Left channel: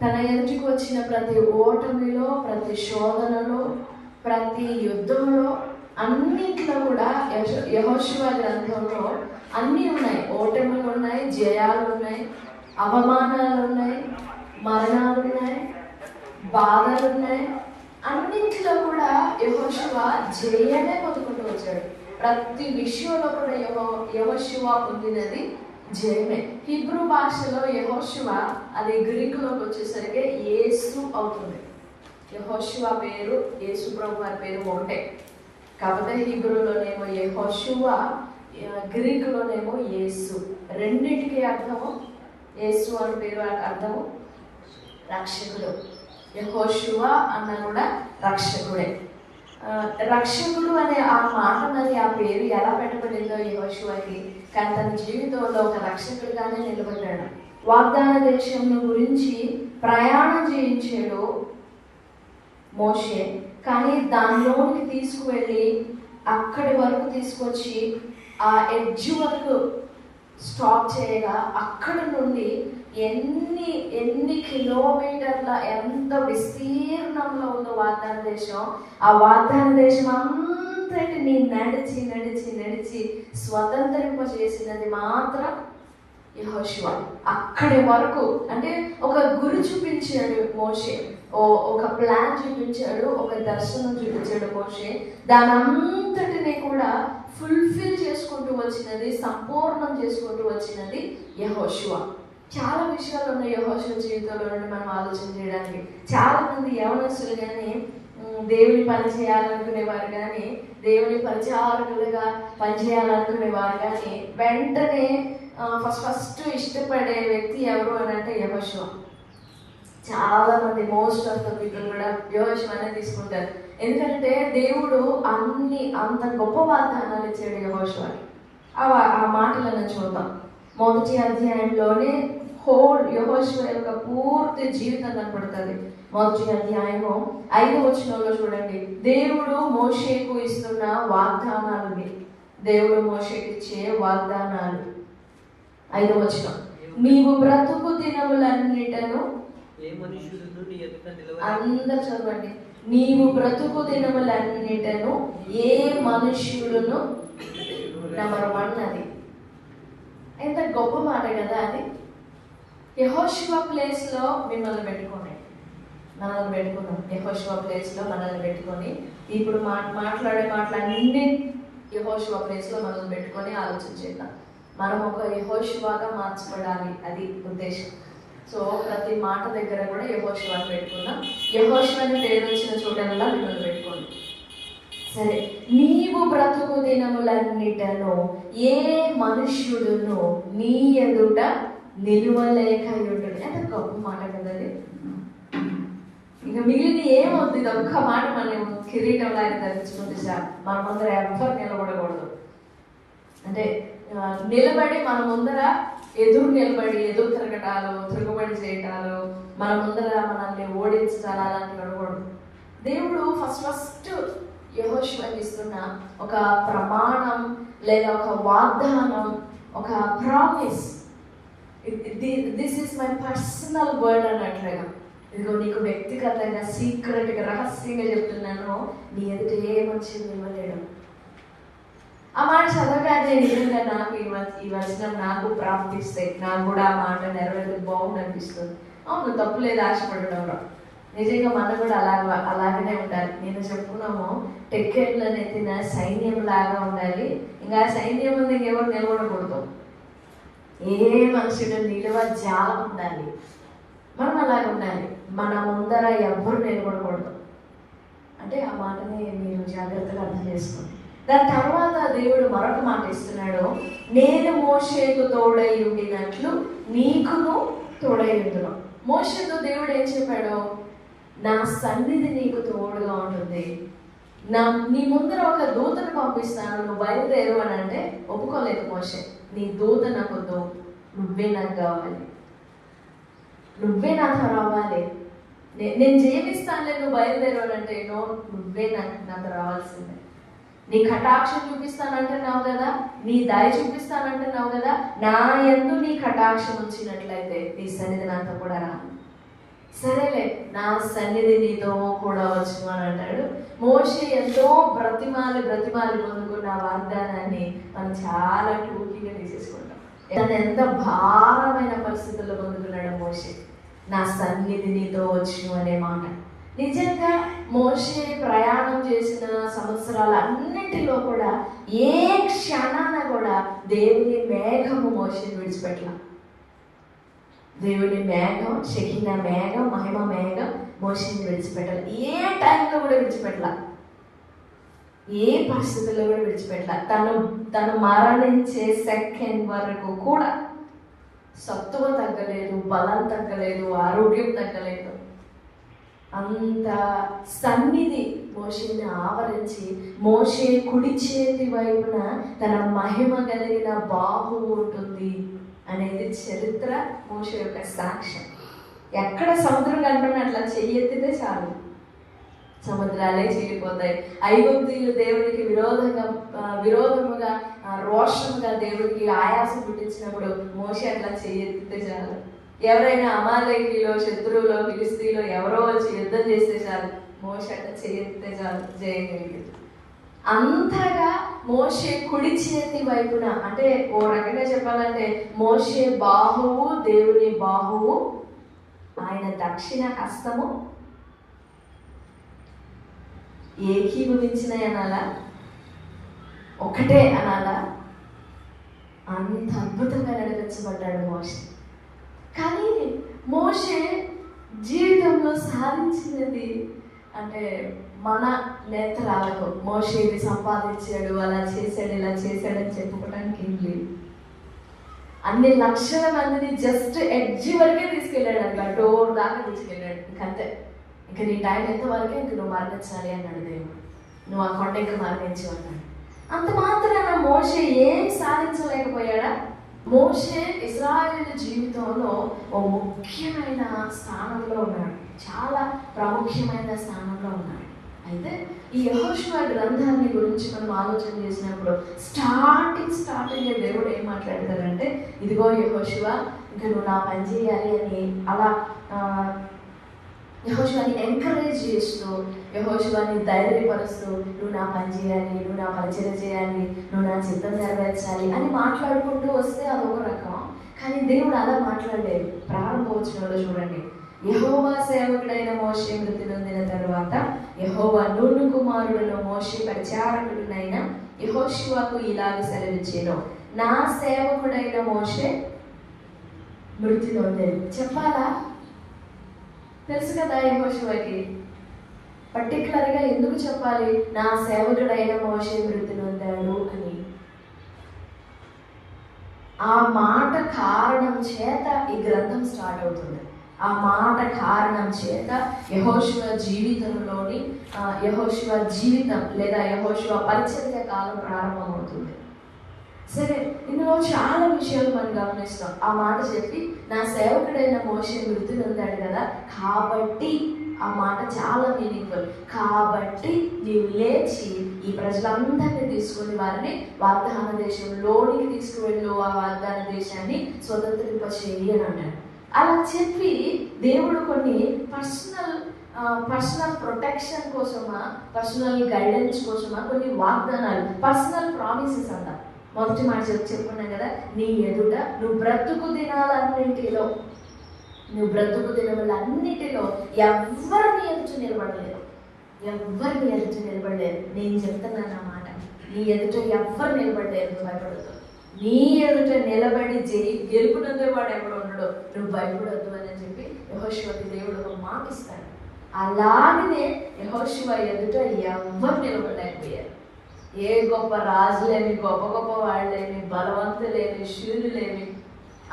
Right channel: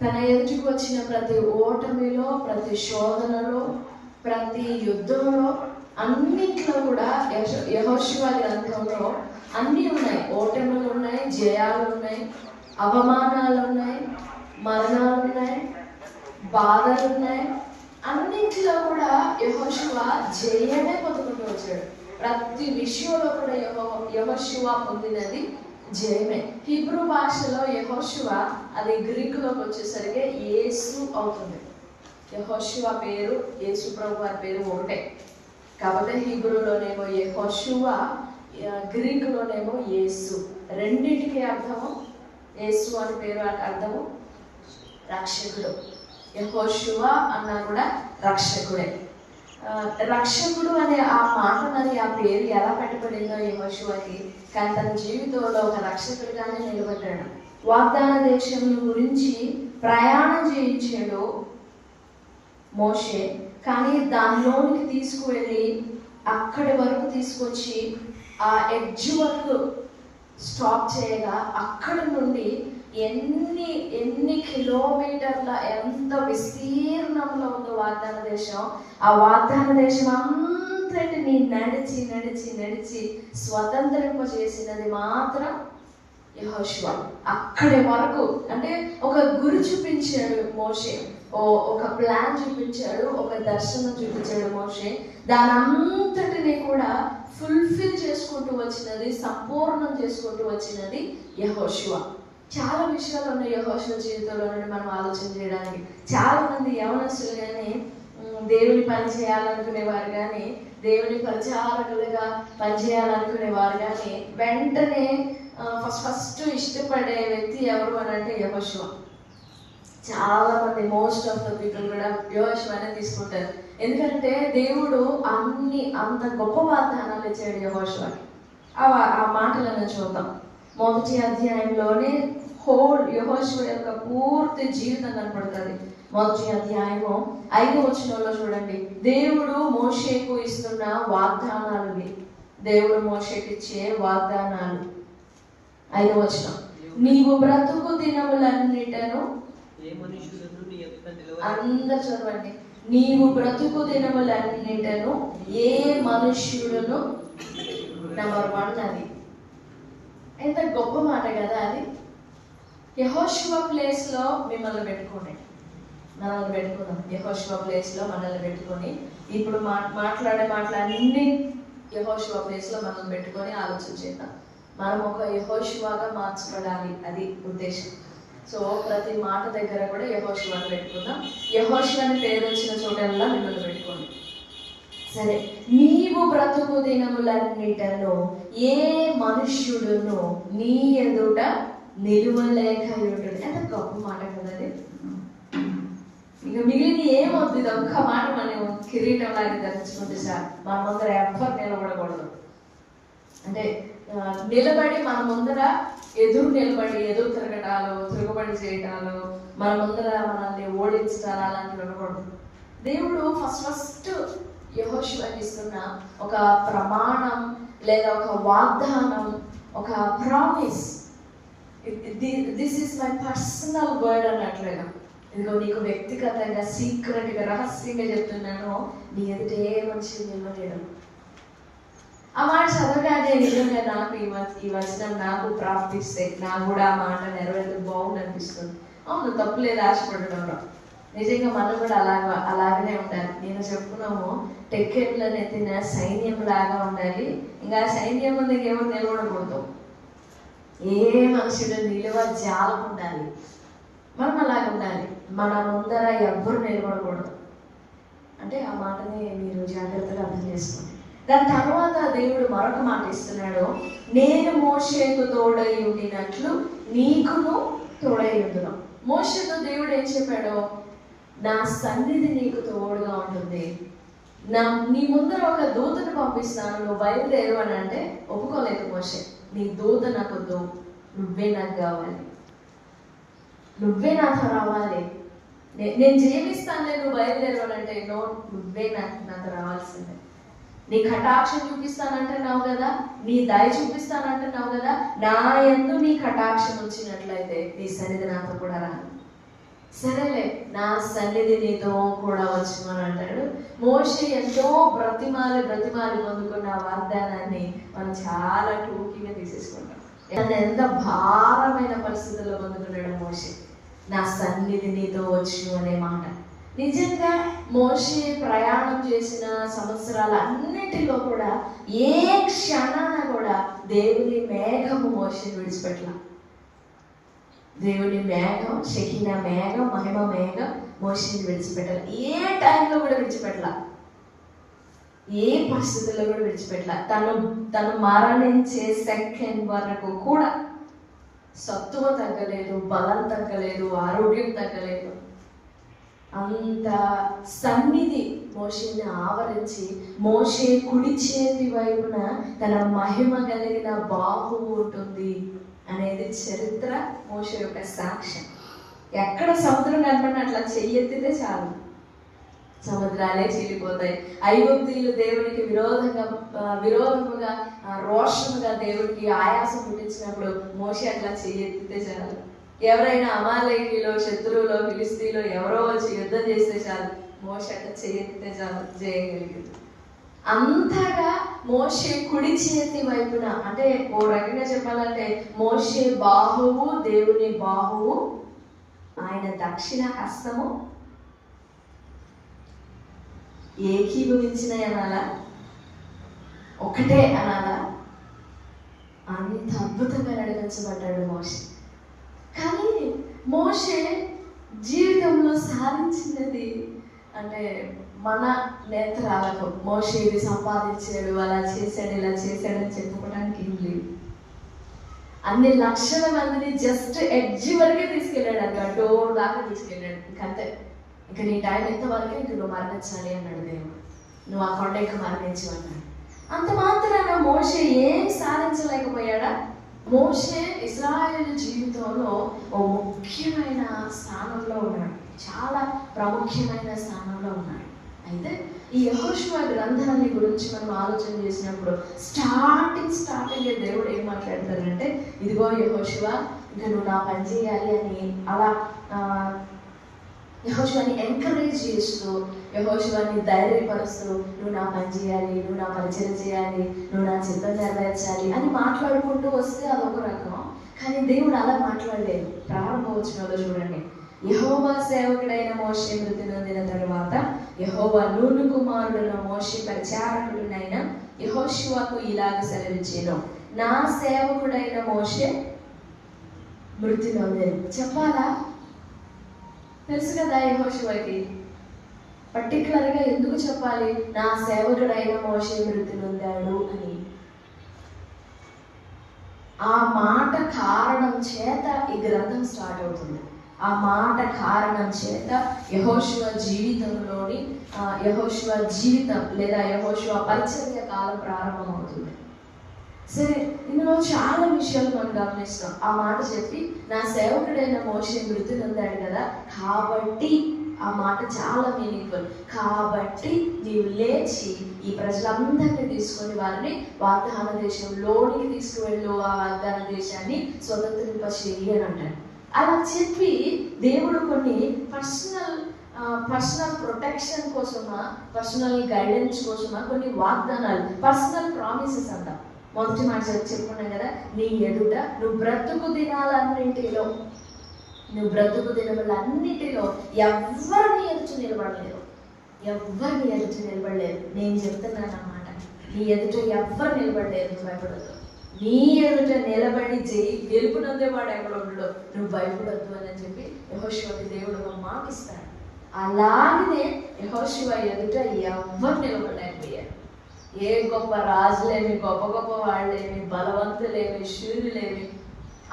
తన ఎదుటికి వచ్చిన ప్రతి ఓటమిలో, ప్రతి శోధనలో, ప్రతి యుద్ధంలో, అన్నింటిలో కూడా యెహోషువ గ్రంథంలో అన్నీ ఉన్నాయి. ఓటములు ఉన్నాయి, జయాలు ఉన్నాయి, అవమానాలు ఉన్నాయి, మరణాలు ఉన్నాయి, బాధలు ఉన్నాయి. అన్నింటిలో కూడా యెహోషువ జయమే పొందుకుంటూ వచ్చాడు. ప్రతి విషయంలో కూడా యెహోషువ పొందినది జయమే. హిబ్రూ భాషలో యెహోషువ, అది గ్రీకులోకి వచ్చేసరికి యేసు అవుతుంది. యెహోషువ పేరు, యేసు ప్రభు వారి పేరు ఒకటే. కాకపోతే హిబ్రూలోనేమో యెహోషువ, గ్రీకులోనేమో యేసు. రెండింటికి అర్థము, యేసు అని పేరు అర్థము రక్షకుడు. యెహోషువ అన్నా కూడా రక్షకుడే. రక్షకుడు అనే ఆ మాట, మరి ఆ పేరు ఎలా పెట్టబడిందో యెహోషువకి, కానీ తన జీవితంలో ఒక రక్షకుడిగానే నిలబడ్డాడు. వాగ్దాన దేశం గురించి ప్రయాణం చేయించాడు మోషే, కానీ దానిలోనికి తీసుకువెళ్ళి అక్కడి వరకు తీసుకొచ్చి ఆ ఎడ్జ్ వరకు స్టాప్ చేయగా, అక్కడి నుండి ఎన్ని కిలోమీటర్ల, ఎంత విస్తీర్ణంలో ఉందో వాగ్దాన దేశం, ఆ వాగ్దాన దేశం అంతటిని నడిచి నడిచి నడిచి స్వతంత్రింపజేసినది మాత్రం యెహోషువ. అక్కడి వరకు అంటే ఒక గురి చూపించాడు మోషే, ఒక ప్లాన్ చూపించాడు, ఒక దర్శనం చూపించాడు మోషే. దాని అంతటిని కూడా ఫుల్ఫిల్ చేసుకుంటూ వచ్చినది, సంపూర్ణం చేసుకుంటూ వచ్చినది యెహోషువ. చాలా విషయాలు ఉన్నాయి యెహోషువ జీవితంలో నుండి మనం ఆలోచన చేయడానికి. చాలా మంది యవనస్తులు కానీ, దేవుని పని చేయాలనుకునేవారు కానీ, దేవుని ప్రచారకులుగా పనిచేయాలనుకునేవారు కానీ, వెంటనే ఫస్ట్ ఇష్టపడే వ్యక్తి ఎవరు అని అంటే యెహోషువ. చాలా మంది, మోస్ట్ ఆఫ్ ద పీపుల్ కూడా యెహోషువనే తీసుకుంటారు. ఎందుకంటే దేవుడు అంత గొప్ప వాగ్దానాలు ఇచ్చాడు యెహోషువకి. ఆ మాటలను చూద్దాం. 1వ అధ్యాయంలోనే హోల్ యెహోషువ యొక్క పూర్తి జీవితం కనపడుతుంది. 1వ అధ్యాయము 5వ వచనంలో చూడండి, దేవుడు మోషేకు ఇస్తున్న వాగ్దానాలు. దేవుడు మోషేకి ఇచ్చే వాగ్దానాలు. 5వ వచనం, నీవు బ్రతుకు దినములన్నిటను, అందరు చదవండి, నీవు బ్రతుకు దినములన్నిటను ఏ మనుష్యుడును, నెంబర్ 1 అది. ఎంత గొప్ప మాట కదా అది. యెహోషువ ప్లేస్లో మిమ్మల్ని పెట్టుకోండి, మనల్ని పెట్టుకున్నాం. యెహోషువ ప్లేస్లో మనల్ని పెట్టుకొని, ఇప్పుడు మాట్లాడే మాటలన్నీ యెహోషువ ప్లేస్లో మనల్ని పెట్టుకొని ఆలోచన చేద్దాం. మనం ఒక యెహోషువగా మార్చబడాలి, అది ఉద్దేశం. సో ప్రతి మాట దగ్గర కూడా యెహోషువని పెట్టుకుందాం. యెహోషువని పేరు వచ్చిన చోటల్లా మిమ్మల్ని పెట్టుకోండి. సరే, నీవు బ్రతుకు దినములన్నిటను ఏ మనుష్యుడును నీ ఎదుట నిలువలేకయుండును. ఎంత గొప్ప మాట కదండి. ఇక మిగిలిన ఏమవుతుంది, ఇది ఒక్క మాట మనం కిరీటం లాగా ధరించుకుంటే సార్, మన ముందర ఎవ్వరు నిలబడకూడదు. అంటే నిలబడి మన ముందర ఎదురు తిరగటాలు, తిరుగుబడి చేయటాలు, మన ముందర మనల్ని ఓడించాలి, అలాంటివి అనకూడదు. దేవుడు ఫస్ట్ యెహోషువకి ఇస్తున్న ఒక ప్రమాణం లేదా ఒక వాగ్దానం, ఒక promise, this is my personal word అన్నట్లుగా, ఇదిగో నీకు వ్యక్తిగతంగా సీక్రెట్గా రహస్యంగా చెప్తున్నాను, నీ ఎదుట ఏ మనిషి నిలవలేడు. ఆ మాట చదవగానే నిజంగా నాకు ఈ వచనం నాకు ప్రాప్తిస్తే నాకు కూడా ఆ మాట నెరవేరు బాగుంది అనిపిస్తుంది. అవును, తప్పులేదు ఆశపడడంలో. నిజంగా మనం కూడా అలాగనే ఉండాలి. నేను చెప్పుకున్నాము, టెక్కెట్లను ఎత్తిన సైన్యం లాగా ఉండాలి. ఇంకా సైన్యం ముందు ఎవరు నిలబడకూడదు, ఏ మనుషుడు నిలువ జాలం ఉండాలి. మనం అలాగ ఉండాలి, మన ముందర ఎవ్వరు నిలబడకూడదు. అంటే ఆ మాటని మీరు జాగ్రత్తగా అర్థం చేసుకోండి. దాని తర్వాత దేవుడు మరొక మాట ఇస్తున్నాడు, నేను మోషేకు తోడై ఉండినట్లు నీకును తోడై ఉండును. మోషేతో దేవుడు ఏం చెప్పాడు, నా సన్నిధి నీకు తోడుగా ఉంటుంది, నీ ముందర ఒక దూతను పంపిస్తాను, నువ్వు బయలుదేరు అని అంటే ఒప్పుకోలేదు మోషే. నీ దూత నాకు వద్దు, నువ్వే నాకు కావాలి, నువ్వే నాతో రావాలి, నేను జీవిస్తానులే, నువ్వు బయలుదేరు అని అంటే నువ్వే నాతో రావాల్సిందే. నీ కటాక్షం చూపిస్తానంటున్నావు కదా, నీ దయ చూపిస్తానంటున్నావు కదా, నా యందు నీ కటాక్షం వచ్చినట్లయితే నీ సన్నిధి నాతో కూడా రా. నా సన్నిధి నీతో కూడా వచ్చును అని అంటాడు. మోషే ఎంతో బ్రతిమాలి పొందుకున్న వాగ్దానాన్ని మనం చాలా టూకీగా తీసేసుకుంటాం. తను ఎంత భారమైన పరిస్థితుల్లో పొందుకున్నాడు మోషే. నా సన్నిధి నీతో వచ్చును అనే మాట. నిజంగా మోషే ప్రయాణం చేసిన సంవత్సరాలన్నిటిలో కూడా ఏ క్షణాన కూడా దేవుని మేఘము మోషేని విడిచిపెట్టల. దేవుని మేఘం, షకిన మేఘం, మహిమ మేఘం మోషేని విడిచిపెట్టాలి. ఏ టైంలో కూడా విడిచిపెట్టల, ఏ పరిస్థితుల్లో కూడా విడిచిపెట్టల. తను మరణించే సెకండ్ వరకు కూడా సత్తువ తగ్గలేదు, బలం తగ్గలేదు, ఆరోగ్యం తగ్గలేదు. అంత సన్నిధి మోషేని ఆవరించి, మోషే కుడి చేతి వైపున తన మహిమ కలిగిన బాహువు ఉంటుంది అనేది చరిత్ర, మోషే యొక్క సాక్ష్యం. ఎక్కడ సముద్రం కనపడిన అట్లా చెయ్యెత్తితే చాలు సముద్రాలే చీలిపోతాయి. ఐగుప్తీయులు దేవునికి విరోధముగా రోషముగా దేవుడికి ఆయాసం పుట్టించినప్పుడు మోషే అట్లా చెయ్యెత్తితే చాలు. ఎవరైనా అమాలేకీలో, శత్రువులో, ఫిలిస్తీన్లో ఎవరో వచ్చి యుద్ధం చేస్తే చాలు మోషే అట్లా చెయ్యెత్తితే చాలు చేయగలిగింది. అంతగా మోషే కుడి చేతి వైపున, అంటే ఓ రకంగా చెప్పాలంటే మోషే బాహువు దేవుని బాహువు, ఆయన దక్షిణ హస్తము ఏకీభవించిన అనాలా, ఒకటే అనాలా, అంత అద్భుతంగా నడిపించబడ్డాడు మోషే. కానీ మోషే జీవితంలో సాధించినది అంటే మన నేత్రాలకు మోషే ఇది సంపాదించాడు, అలా చేశాడు, ఇలా చేశాడని చెప్పుకోవడానికి ఏం లేదు. అన్ని లక్షల మందిని జస్ట్ ఎడ్జి వరకే తీసుకెళ్ళాడు, అక్కడ డోర్ దాకా తీసుకెళ్ళాడు. ఇంకంతే, ఇంక నీ టైం ఎంతవరకే ఇంక నువ్వు మరణించాలి అన్నాడు దేవుడు. నువ్వు ఆ కొండ ఇంకా మరణించు అన్నాడు. అంత మాత్రాన మోషే ఏం సాధించలేకపోయాడా? మోషే ఇశ్రాయేలు జీవితంలో ఓ ముఖ్యమైన స్థానంలో ఉన్నాడు, చాలా ప్రాముఖ్యమైన స్థానంలో ఉన్నాడు. అయితే ఈ యెహోషువ గ్రంథాన్ని గురించి మనం ఆలోచన చేసినప్పుడు స్టార్టింగ్ దేవుడు ఏం మాట్లాడతారంటే, ఇదిగో యెహోషువ, ఇంకా నువ్వు నా పని చేయాలి అని అలా యెహోషువని ఎంకరేజ్ చేస్తూ, యెహోషువని ధైర్యపరుస్తూ, నువ్వు నా పని చేయాలి, నువ్వు నా పరిచయం చేయాలి, నువ్వు నా చిత్తం నెరవేర్చాలి అని మాట్లాడుకుంటూ వస్తే అదొక రకం. కానీ దేవుడు అలా మాట్లాడలేదు. ప్రారంభవచనంలో చూడండి, యెహోవా సేవకుడైన మోషే మృతి నొందిన తరువాత యెహోవా నూను కుమారుడును మోషే పరిచారకుడునైన యెహోషువకు ఇలాగ సెలవిచ్చెను, నా సేవకుడైన మోషే మృతి నొందెను. చెప్పాలా? తెలుసు కదా యెహోషువకి. పర్టికులర్గా ఎందుకు చెప్పాలి నా సేవకుడైన మోషే మృతి నొందాడు అని? ఆ మాట కారణం చేత ఈ గ్రంథం స్టార్ట్ అవుతుంది. ఆ మాట కారణం చేత యెహోషువ జీవితంలోని యెహోషువ జీవితం లేదా యెహోషువ పరిచర్య కాలం ప్రారంభమవుతుంది. సరే, ఇందులో చాలా విషయాలు మనం గమనిస్తాం. ఆ మాట చెప్పి నా సేవకుడైన మోషే మృతి నొందాడు కదా, కాబట్టి ఆ మాట చాలా మీనింగ్ఫుల్. కాబట్టి నీవు లేచి ఈ ప్రజలందరినీ తీసుకొని వారిని వాగ్దాన దేశంలోనికి తీసుకువెళ్ళు, ఆ వాగ్దాన దేశాన్ని స్వతంత్రింపచేయి అని అంటాడు. అలా చెప్పి దేవుడు కొన్ని పర్సనల్ ప్రొటెక్షన్ కోసమా, పర్సనల్ గైడెన్స్ కోసమా కొన్ని వాగ్దానాలు, పర్సనల్ ప్రామిసెస్ అంట. మొదటి మాట చెప్పుకున్నాం కదా, నీ ఎదుట నువ్వు బ్రతుకు దినాలన్నింటిలో ఎవరిని ఎదుట నిలబడలేదు. నేను చెప్తున్నాను అన్నమాట, నీ ఎదుట ఎవ్వరు నిలబడలేదు, నువ్వు భయపడద్దు. నీ ఎదుట నిలబడి గెలుపునందేవాడు ఎవడు ఉండడు, నువ్వు భయపడొద్దు అని చెప్పి యెహోషువకి దేవుడు ఒక మాట ఇస్తాడు. అలాగనే యెహోషువ ఎదుట ఎవ్వరు నిలబడలేకపోయారు. ఏ గొప్ప రాజులేమి, గొప్ప గొప్ప వాళ్ళేమి, బలవంతులేమి, శూరులేమి,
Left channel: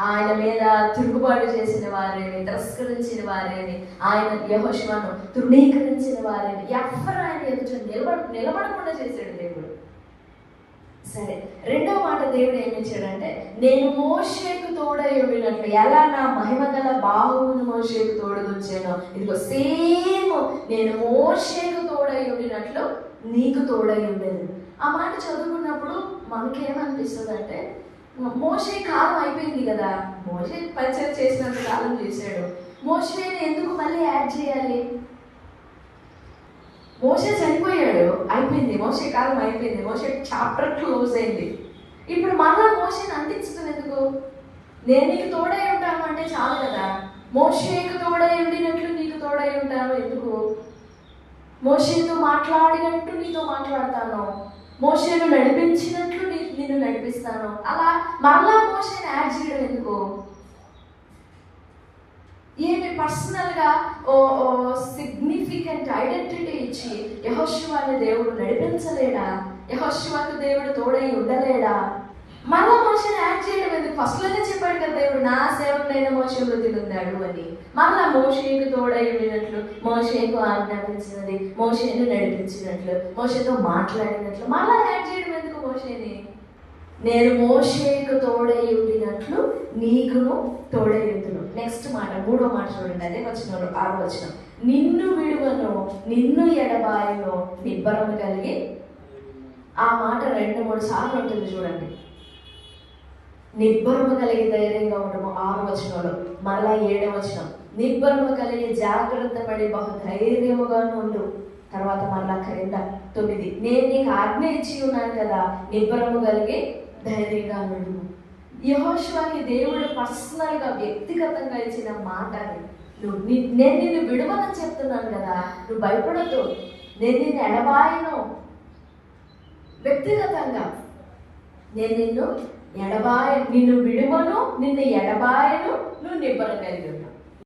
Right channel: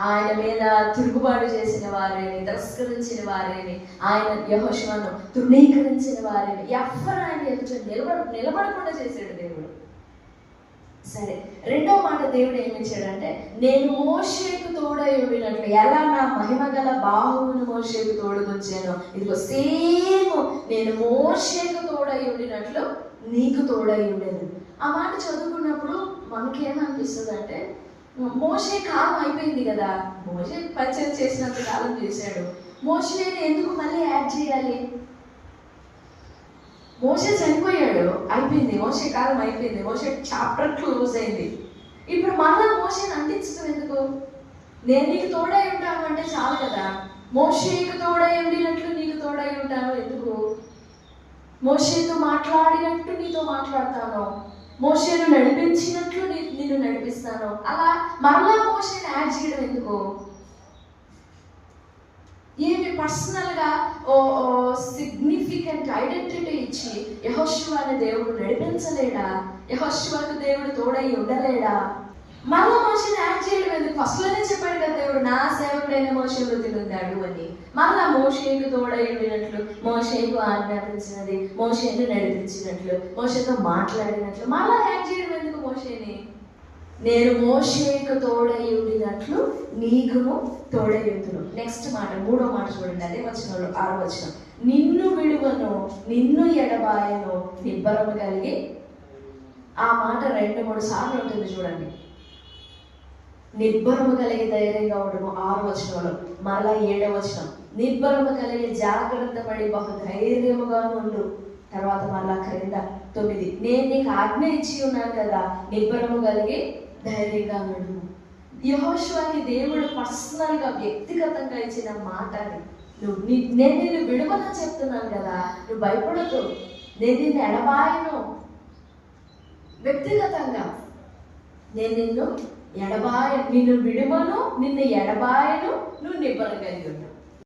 ఆయన మీద తిరుగుబాటు చేసిన వారేమి, తిరస్కరించిన వారేమి, ఆయన యెహోషువను తృణీకరించిన వారేమి, ఎవ్వరు ఆయన ఎదుట నిలబడకుండా చేశాడు దేవుడు. సరే, రెండో మాట దేవుడు ఏమిచ్చాడంటే, నేను మోషేకు తోడై ఉండినట్లు, ఎలా నా మహిమ గల బాహువును మోషేకు తోడుకొచ్చానో, ఇదిగో సేమ్ నేను మోషేకు తోడై ఉండినట్లు నీకు తోడై ఉండేది. ఆ మాట చదువుకున్నప్పుడు మనకేమనిపిస్తుంది అంటే, మోషే కాలం అయిపోయింది కదా, మోషే పరిచయం చేసినంత కాలం చేశాడు, మోషేని ఎందుకు మళ్ళీ యాడ్ చేయాలి? మోషే చనిపోయాడు, అయిపోయింది, మోషే కాలం అయిపోయింది, మోషే చాప్టర్ క్లోజ్ అయింది. ఇప్పుడు మళ్ళా మోషేని అంటించడం ఎందుకు? నేను నీకు తోడై ఉంటాను అంటే చాలు కదా. మోషేకు తోడై ఉండినట్లు నీకు తోడై ఉంటాను ఎందుకు? మోషేతో మాట్లాడినట్టు నీతో మాట్లాడతాను, మోషేను నడిపించినట్లు నిన్ను నడిపిస్తాను. అలా మరలా మోషేని యాడ్ చేయడం ఎందుకు? ఏమి పర్సనల్గా సిగ్నిఫికెంట్ ఐడెంటిటీ ఇచ్చి యెహోషువని దేవుడు నడిపించలేడా? యెహోషువకు దేవుడు తోడై ఉండలేడా? మళ్ళా మోషేని యాడ్ చేయడం ఎందుకు? ఫస్ట్లోనే చెప్పాడు కదా దేవుడు, నా సేవకుడైన మోషే వృద్ధి పొందాడు అని. మళ్ళా మోషేకు తోడై ఉండినట్లు, మోషేకు ఆజ్ఞాపించినది, మోషేను నడిపించినట్లు, మోషేతో మాట్లాడినట్లు మళ్ళా యాడ్ చేయడం ఎందుకు మోషేని? నేను మోషేకు తోడై ఉండినట్లు నీకును తోడై ఉండును. నెక్స్ట్ మాట, మూడో మాట చూడండి, అదే వచనంలో 6వ వచనం. నిన్ను విడువను, నిన్ను ఎడబాయను, నిబ్బరము కలిగి. ఆ మాట 2-3 సార్లు ఉంటుంది చూడండి. నిబ్బరము కలిగి ధైర్యంగా ఉండము 6వ వచనంలో. మరలా 7వ వచనం, నిబ్బరము కలిగి జాగ్రత్త పడి బహు ధైర్యముగా ఉండు. తర్వాత మరలా క్రింద 9, నేను నీకు ఆజ్ఞ ఇచ్చి ఉన్నాను కదా, నిబ్బరము కలిగి ధైర్యంగా ఉండు. యెహోషువకి దేవుడు పర్సనల్గా వ్యక్తిగతంగా ఇచ్చిన మాట అది. నేను నిన్ను విడవనని చెప్తున్నాను కదా, నువ్వు భయపడద్దు, నేను నిన్ను ఎడబాయను. వ్యక్తిగతంగా నేను నిన్ను విడువను, నిన్ను ఎడబాయను, నువ్వు నిబ్బరం కలిగి ఉంటావు.